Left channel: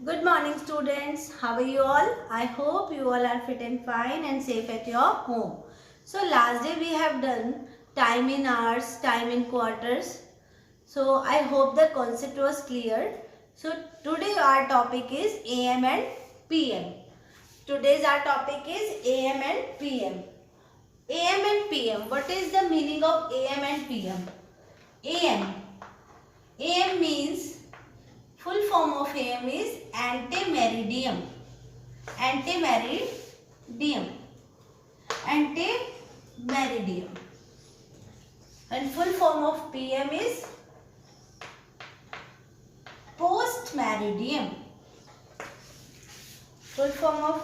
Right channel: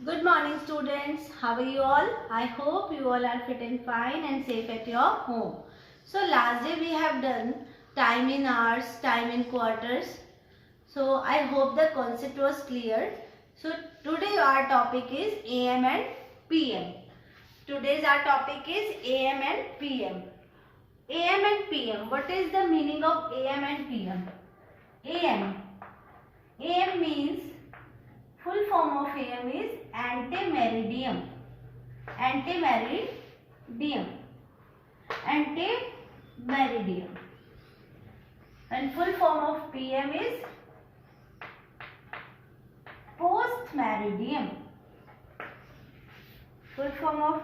Good morning, students. How are you all? I hope you all are fit and fine and safe at your home. So last day we have done time in hours, time in quarters. So I hope the concept was clear. So today our topic is AM and PM. Today's our topic is AM and PM. AM and PM. What is the meaning of AM and PM? AM. AM means full form of AM is antimeridiem. Antimeridiem. Antimeridiem. And full form of PM is postmeridiem. Full form of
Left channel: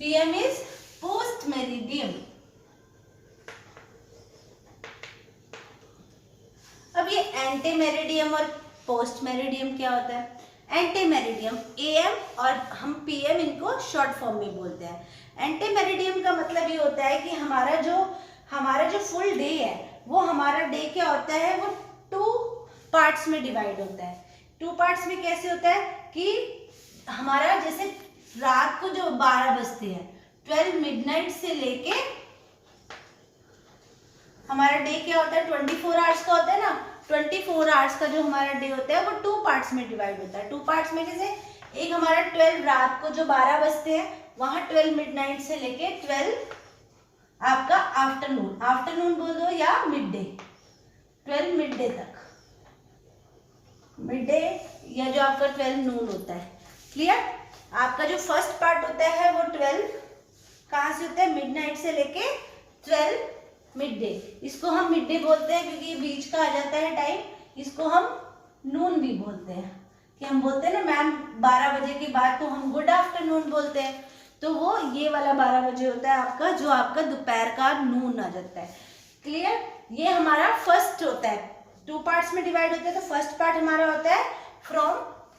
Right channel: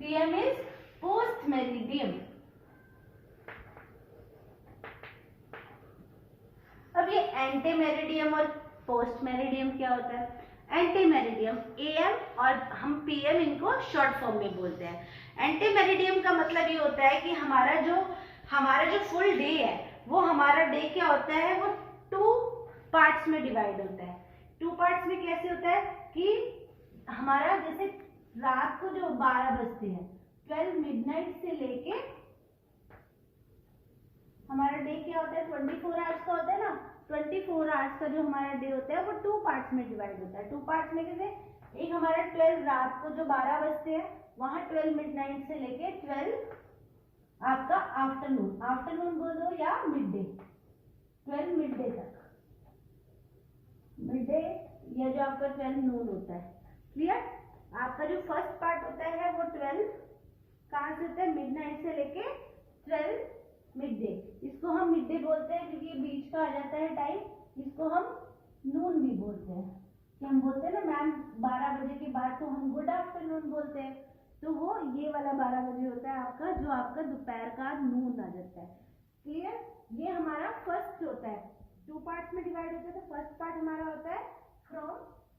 PM is postmeridiem. अब ये एंटीमेरिडियम और post meridiem क्या होता है? एंटीमेरिडियम am और हम PM इनको short form में बोलते हैं। एंटीमेरिडियम का मतलब ये होता है कि हमारा जो फुल डे है वो हमारा डे क्या होता है, वो 2 पार्ट्स में डिवाइड होता है। 2 पार्ट्स में कैसे होता है कि हमारा जैसे रात को जो 12 बजते हैं 12 मिडनाइट से लेके हमारा डे क्या होता है 24 आवर्स का होता है ना। 24 आवर्स का जो हमारा डे होता है वो 2 पार्ट्स में डिवाइड होता है। 2 पार्ट्स में जैसे एक हमारा 12 रात को जो 12 बजते हैं वहां 12 मिडनाइट से लेके 12 आपका आफ्टरनून बोल दो या मिड डे, 12 मिड डे तक, मिड डे या जो आपका 12 नून होता है। क्लियर? आपका जो फर्स्ट पार्ट होता है वो 12 कहाँ से होता है, मिडनाइट से लेके 12 मिड डे। इसको हम मिड डे बोलते हैं क्योंकि ये बीच का आ जाता है टाइम। इसको हम नून भी बोलते हैं कि हम बोलते हैं ना मैम 12 बजे के बाद तो हम गुड आफ्टरनून बोलते हैं, तो वो ये वाला 12 बजे होता है आपका, जो आपका दोपहर का नून आ जाता है। क्लियर? ये हमारा फर्स्ट होता है, 2 पार्ट्स में डिवाइड होता है। तो फर्स्ट पार्ट हमारा होता है from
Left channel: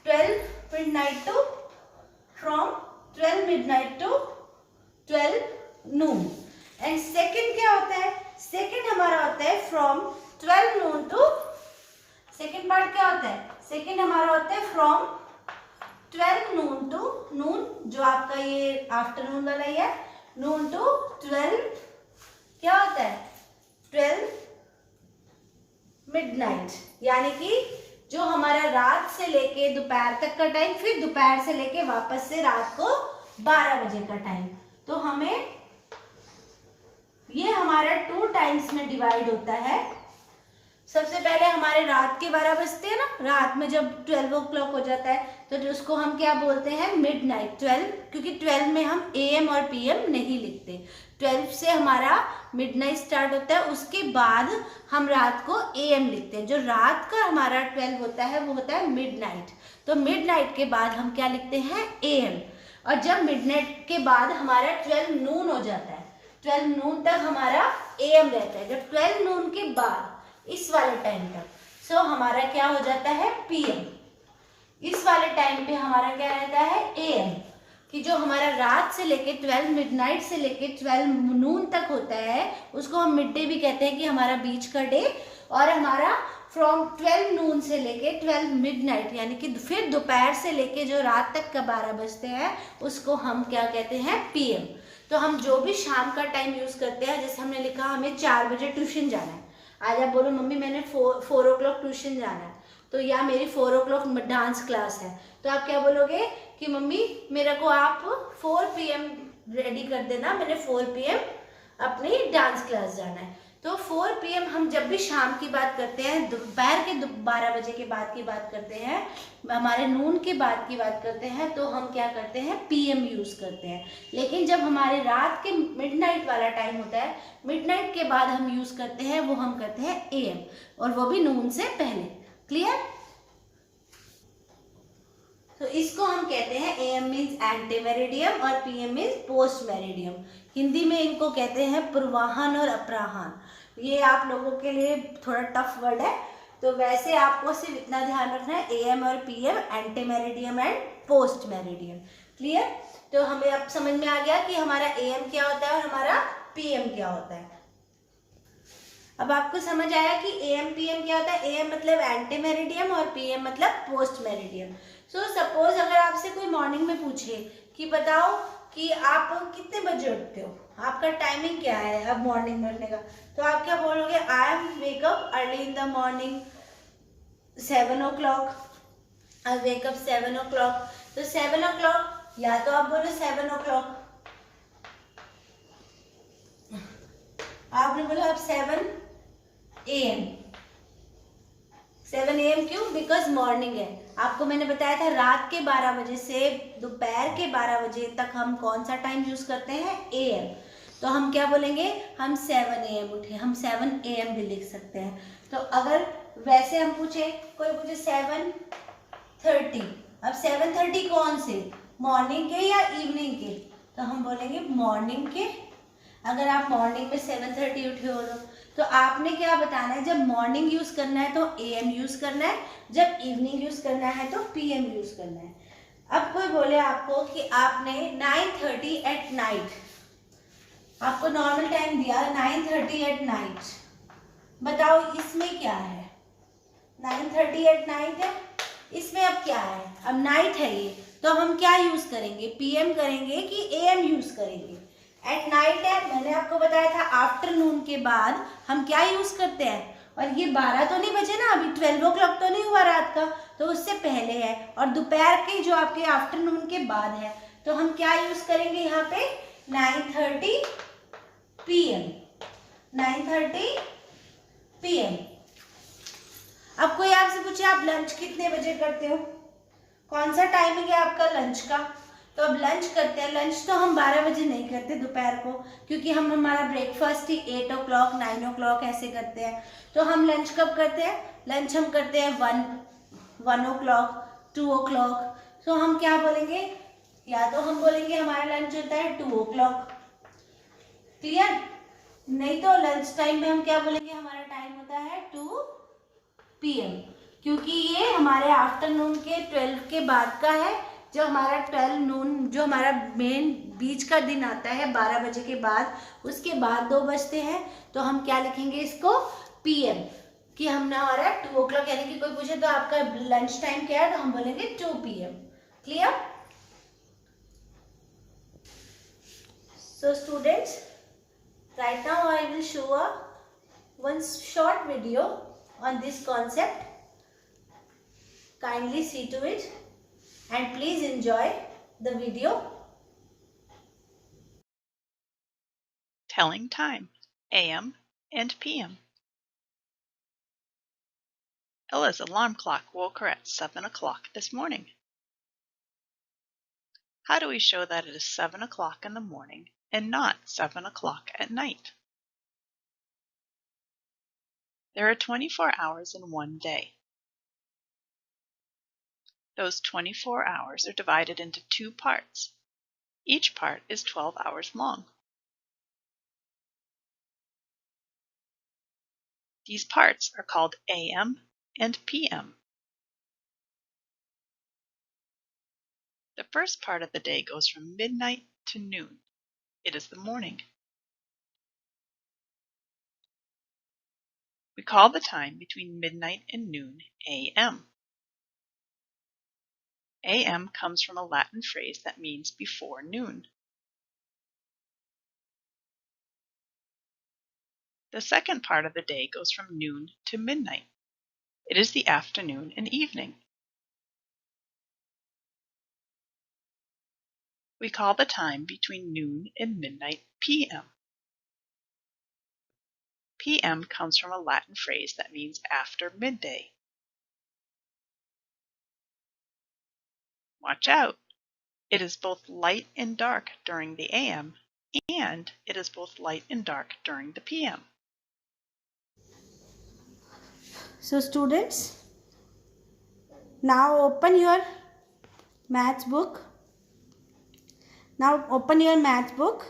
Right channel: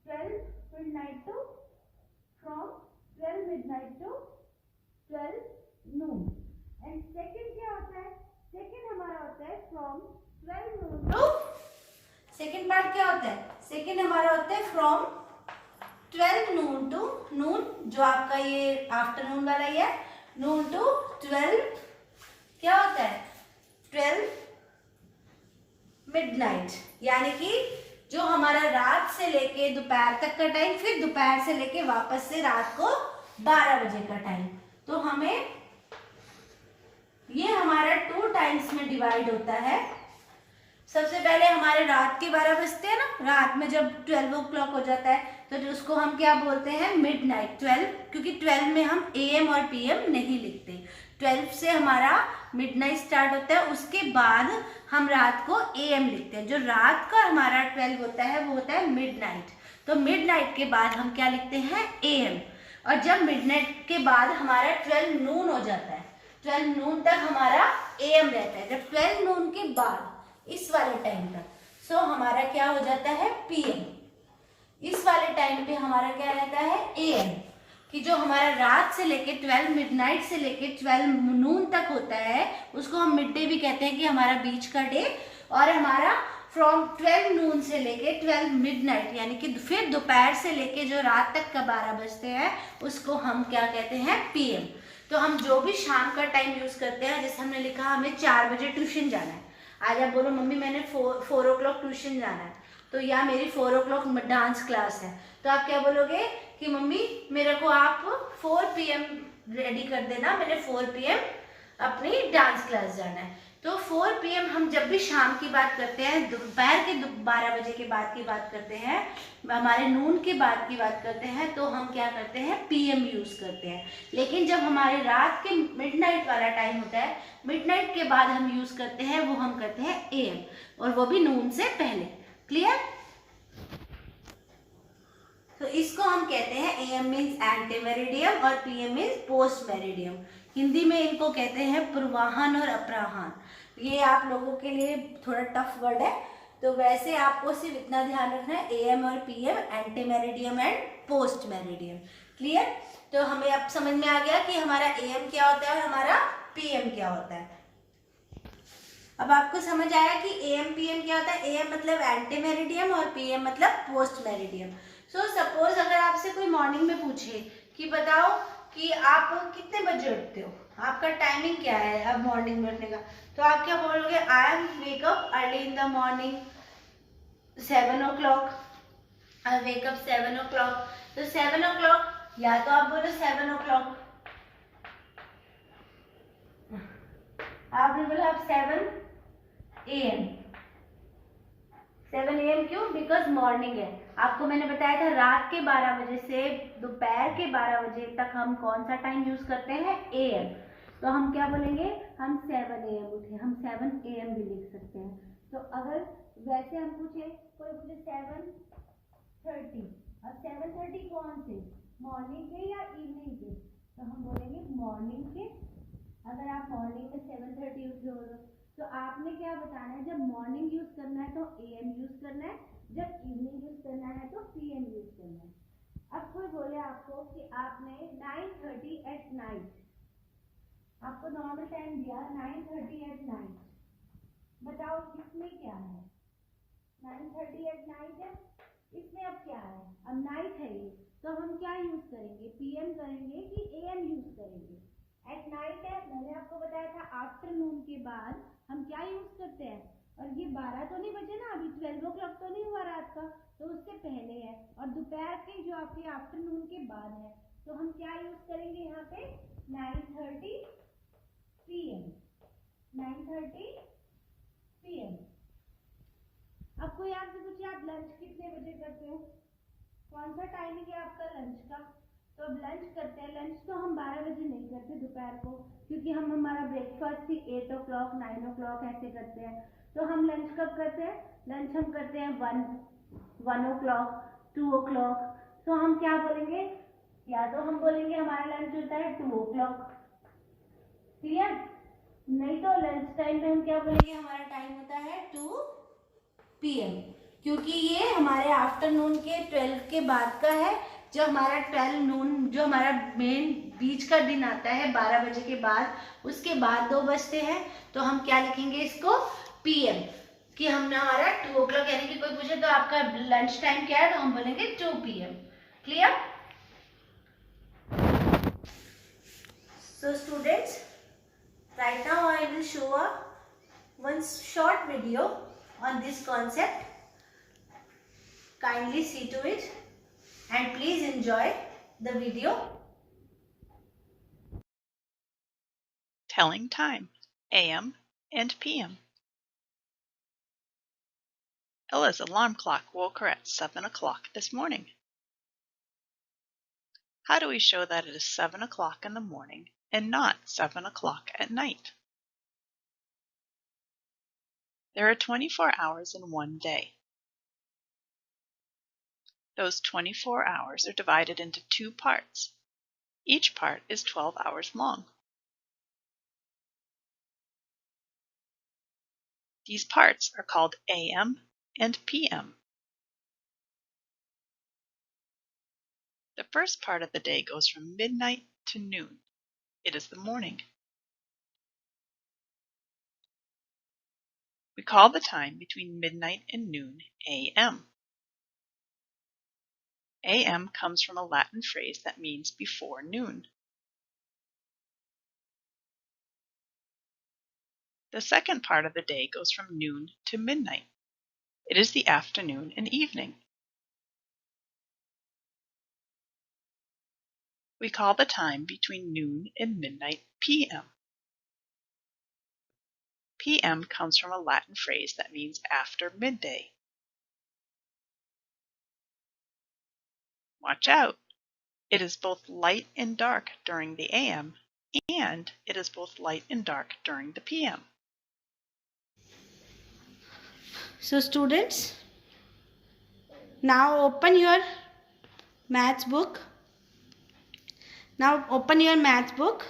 12 midnight to 12 noon. And second क्या होता है, सेकंड हमारा होता है from 12 noon to, second part क्या होता है, सेकंड हमारा होता है फ्रॉम 12 नून टू नून, जो आपका ये आफ्टरनून वाला ही है, नून टू 12 क्या होता है 12 मिडनाइट, यानी कि जो हमारा रात से लेके दोपहर तक का टाइम, फिर दोपहर से लेके वापस से रात को 12 बजे का टाइम। तो हमें ये हमारा 2 टाइम्स में डिवाइड होता है। सबसे पहले हमारे रात के 12 बजते हैं ना, रात में जब 12 o'clock हो जाता है तो उसको हम क्या बोलते हैं, मिडनाइट 12, क्योंकि 12 में हम एएम और पीएम नहीं लिखते। 12 से हमारा मिडनाइट स्टार्ट होता है, उसके बाद हम रात को एएम लिखते हैं। जो रात का हमारा 12 होता है वो होता है मिडनाइट। तो मिडनाइट के बाद हम क्या लिखते हैं, एएम। और जब मिडनाइट के बाद हमारा 12 नून हो जाता है, 12 नून तक हमारा एएम रहता है। जब 12 नून के बाद इस वाले टाइम तक सो हमारा क्या हो जाता है, पीएम। इस वाले टाइम पे हमारा क्या रहता है, एएम। कि जो हमारा रात से लेके 12 मिडनाइट से लेके 12 नून तक होता है उसको हम मिड डे भी कहते हैं, कि हमारा बीच का डे। और हमारा फ्रॉम 12 नून से लेके 12 मिडनाइट, यानी कि फिर दोपहर से लेके जो रात तक का 12 बजते हैं उसको हम क्या कहते हैं, पीएम। तो हम जो भी शाम का टाइम यूज करते हैं, जैसे हमने लिखा हमें 4 बजे ट्यूशन जाना है, आज आप बोलो मम्मी मैंने 4 o'clock ट्यूशन जाना है, तो या मेरी 4 o'clock डांस क्लास है, तो आप क्या बोलोगे कि मम्मी मेरे को आप 4 PM रेडी कर देना, मैंने 4 PM अपनी डांस क्लास जाना है। तो 4 PM हम जब भी शाम की बात करते हैं, दोपहर के 12 बजे के बाद की बात करते हैं, हमारे नून के बाद की बात करते हैं, तो हम क्या करते हैं, PM यूज करते हैं। लेकिन जब हमारे रात के मिडनाइट वाला टाइम होता है, मिडनाइट के बाद हम यूज करते हैं, वो हम करते हैं AM, और वो भी नून से पहले। क्लियर? तो इसको हम कहते हैं AM मीन्स एंटीमेरिडियम और PM means post meridiem. Hindi में इनको कहते हैं पूर्वाहन और अपराहन। ये आप लोगों के लिए थोड़ा टफ वर्ड है, तो वैसे आपको सिर्फ इतना ध्यान रखना है, AM और PM ante meridiem and post meridiem. Clear? तो हमें अब समझ में आ गया कि हमारा AM क्या होता है और हमारा PM क्या होता है। अब आपको समझ आया कि AM PM क्या होता है। AM मतलब एंटी मेरिडियम और PM मतलब पोस्ट मेरिडियम। सो सपोज अगर आपसे कोई मॉर्निंग में पूछे कि बताओ कि आप कितने बजे उठते हो, आपका टाइमिंग क्या है अब मॉर्निंग में उठने का, तो आप क्या बोलोगे? I am wake up early in the morning 7 o'clock, I wake up 7 o'clock। तो 7 o'clock, या तो आप बोलो 7 o'clock, आपने बोला अब 7 AM। 7 AM क्यों? बिकॉज मॉर्निंग है। आपको मैंने बताया था रात के 12 बजे से दोपहर के 12 बजे तक हम कौन सा टाइम यूज करते हैं? AM। तो हम क्या बोलेंगे? हम 7 AM उठे, हम 7 AM भी लिख सकते हैं। तो अगर वैसे हम पूछे, कोई पूछे 7:30, अब 7:30 कौन से? मॉर्निंग के या इवनिंग के? तो हम बोलेंगे मॉर्निंग के। अगर आप मॉर्निंग में 7:30 उठे हो तो आपने क्या बताना है? जब मॉर्निंग यूज करना है तो AM यूज करना है, जब इवनिंग यूज करना है तो PM यूज करना है। अब कोई बोले आपको कि आपने 9:30 एट नाइट, आपको नॉर्मल टाइम दिया 9:30 एट नाइट, बताओ इसमें क्या है? 9:30 एट नाइट है, इसमें अब क्या है? अब नाइट है ये, तो हम क्या यूज करेंगे? PM करेंगे कि AM यूज करेंगे? एट नाइट है, मैंने आपको बताया था आफ्टरनून के बाद हम क्या यूज करते हैं। और ये 12 तो नहीं बजे ना, अभी 12 o'clock तो नहीं हुआ रात का, तो उससे पहले है, और दोपहर के जो आपके आफ्टरनून के बाद है, तो हम क्या यूज करेंगे यहाँ पे? 9:30 PM, 9:30 PM। अब कोई आपसे पूछे आप लंच कितने बजे करते हो, कौन सा टाइमिंग है आपका लंच का? तो अब लंच करते हैं, लंच तो हम 12 बजे नहीं करते दोपहर को, क्योंकि हम हमारा ब्रेकफास्ट ही 8 o'clock 9 o'clock ऐसे करते हैं। तो हम लंच कब करते हैं? लंच हम करते हैं 1 o'clock 2 o'clock। तो हम क्या बोलेंगे? या तो हम बोलेंगे हमारा लंच होता है 2 o'clock, क्लियर? नहीं तो लंच टाइम में हम क्या बोलेंगे? हमारा टाइम होता है 2 PM, क्योंकि ये हमारे आफ्टरनून के 12 के बाद का है। जो हमारा 12 नून, जो हमारा मेन बीच का दिन आता है 12 बजे के बाद, उसके बाद 2 बजते हैं, तो हम क्या लिखेंगे इसको? PM, कि हमने हमारा 2 o'clock, यानी कि कोई पूछे तो आपका लंच टाइम क्या है, तो हम बोलेंगे 2 PM। Clear? So students, right now I will show one short video on this concept. Kindly see to it and please enjoy the video. Telling time, AM and PM. Ella's alarm clock woke her at 7 o'clock this morning. How do we show that it is 7 o'clock in the morning and not 7 o'clock at night? There are 24 hours in one day. Those 24 hours are divided into 2 parts. Each part is 12 hours long. These parts are called AM and PM. The first part of the day goes from midnight to noon. It is the morning. We call the time between midnight and noon AM. AM comes from a Latin phrase that means before noon. The second part of the day goes from noon to midnight. It is the afternoon and evening. We call the time between noon and midnight PM. PM comes from a Latin phrase that means after midday. Watch out! It is both light and dark during the AM, and it is both light and dark during the PM. So students, now open your maths book. Now open your maths book,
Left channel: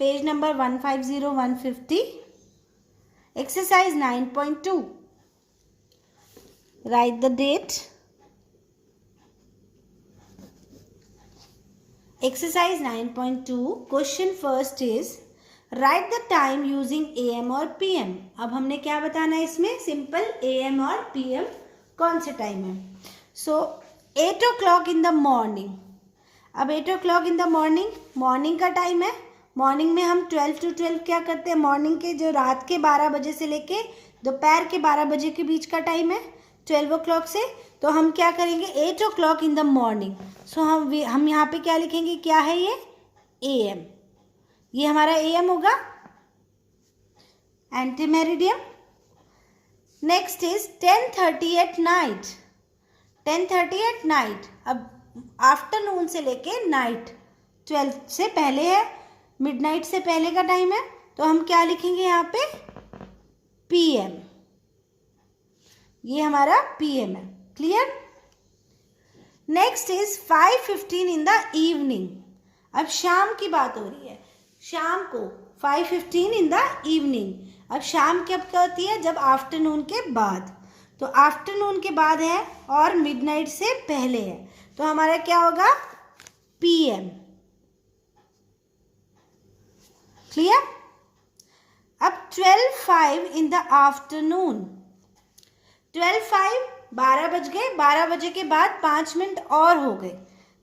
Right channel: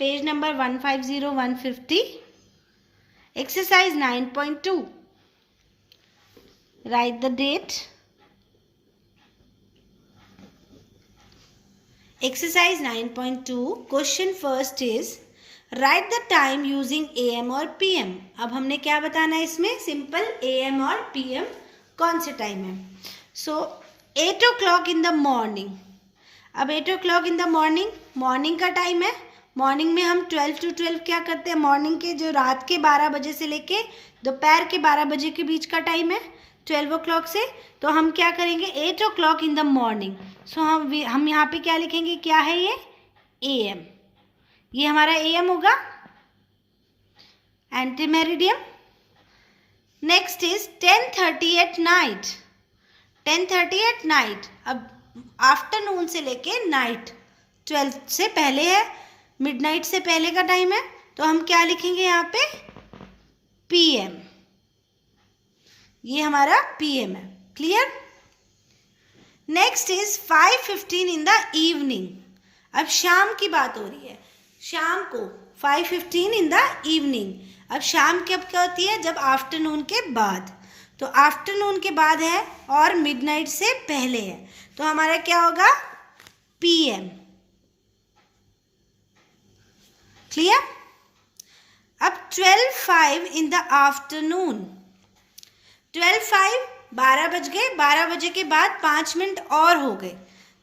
page number 150-150, exercise 9.2. Write the date. Exercise 9.2, question first is write the time using AM और PM. अब हमने क्या बताना है इसमें? Simple AM और PM कौन से टाइम है. So 8 o'clock in the morning. अब 8 o'clock in the morning, morning का टाइम है. मॉर्निंग में हम 12 to 12 क्या करते हैं, मॉर्निंग के जो रात के 12 बजे से लेके दोपहर के 12 बजे के बीच का टाइम है 12 o'clock से. तो हम क्या करेंगे 8 o'clock in the morning. सो हम यहाँ पे क्या लिखेंगे, क्या है ये, AM. ये हमारा AM होगा, anti meridiem. Next is 10:30 at night. 10:30 at night. अब आफ्टरनून से लेके नाइट 12 से पहले है, मिडनाइट से पहले का टाइम है. तो हम क्या लिखेंगे यहाँ पे, PM. ये हमारा PM है. Clear. Next is 5:15 in the evening. अब शाम की बात हो रही है, शाम को 5:15 इन द इवनिंग. अब शाम कब क्या होती है, जब आफ्टरनून के बाद. तो आफ्टरनून के बाद है और मिडनाइट से पहले है. तो हमारा क्या होगा, PM. क्लियर. अब 12:05 इन द आफ्टरनून. 12:05, 12 बज गए. 12 बजे के बाद 5 मिनट और हो गए.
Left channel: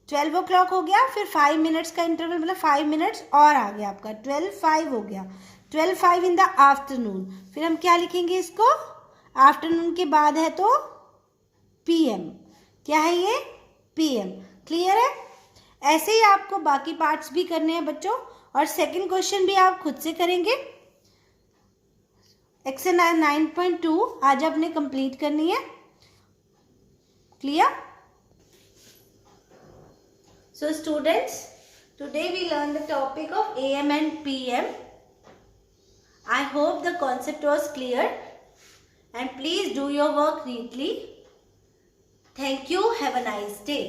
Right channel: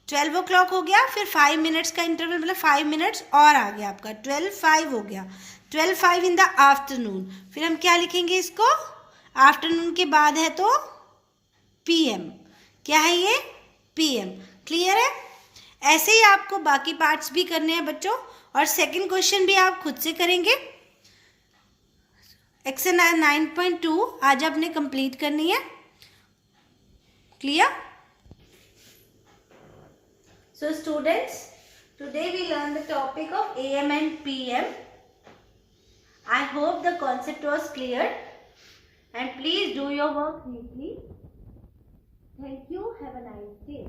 12 o'clock हो गया, फिर 5 मिनट्स का इंटरवल, मतलब 5 मिनट्स और आ गया आपका. 12:05 हो गया. 12:05 इन द आफ्टरनून. फिर हम क्या लिखेंगे इसको, आफ्टरनून के बाद है तो PM. क्या है ये, PM. क्लियर है. ऐसे ही आपको बाकी पार्ट्स भी करने हैं बच्चों, और सेकंड क्वेश्चन भी आप खुद से करेंगे. एक्सरसाइज 9.2 आज आपने कंप्लीट करनी है. Clear. So students, today we learned the topic of AM and PM. I hope the concept was clear, and please do your work neatly. Thank you. Have a nice day.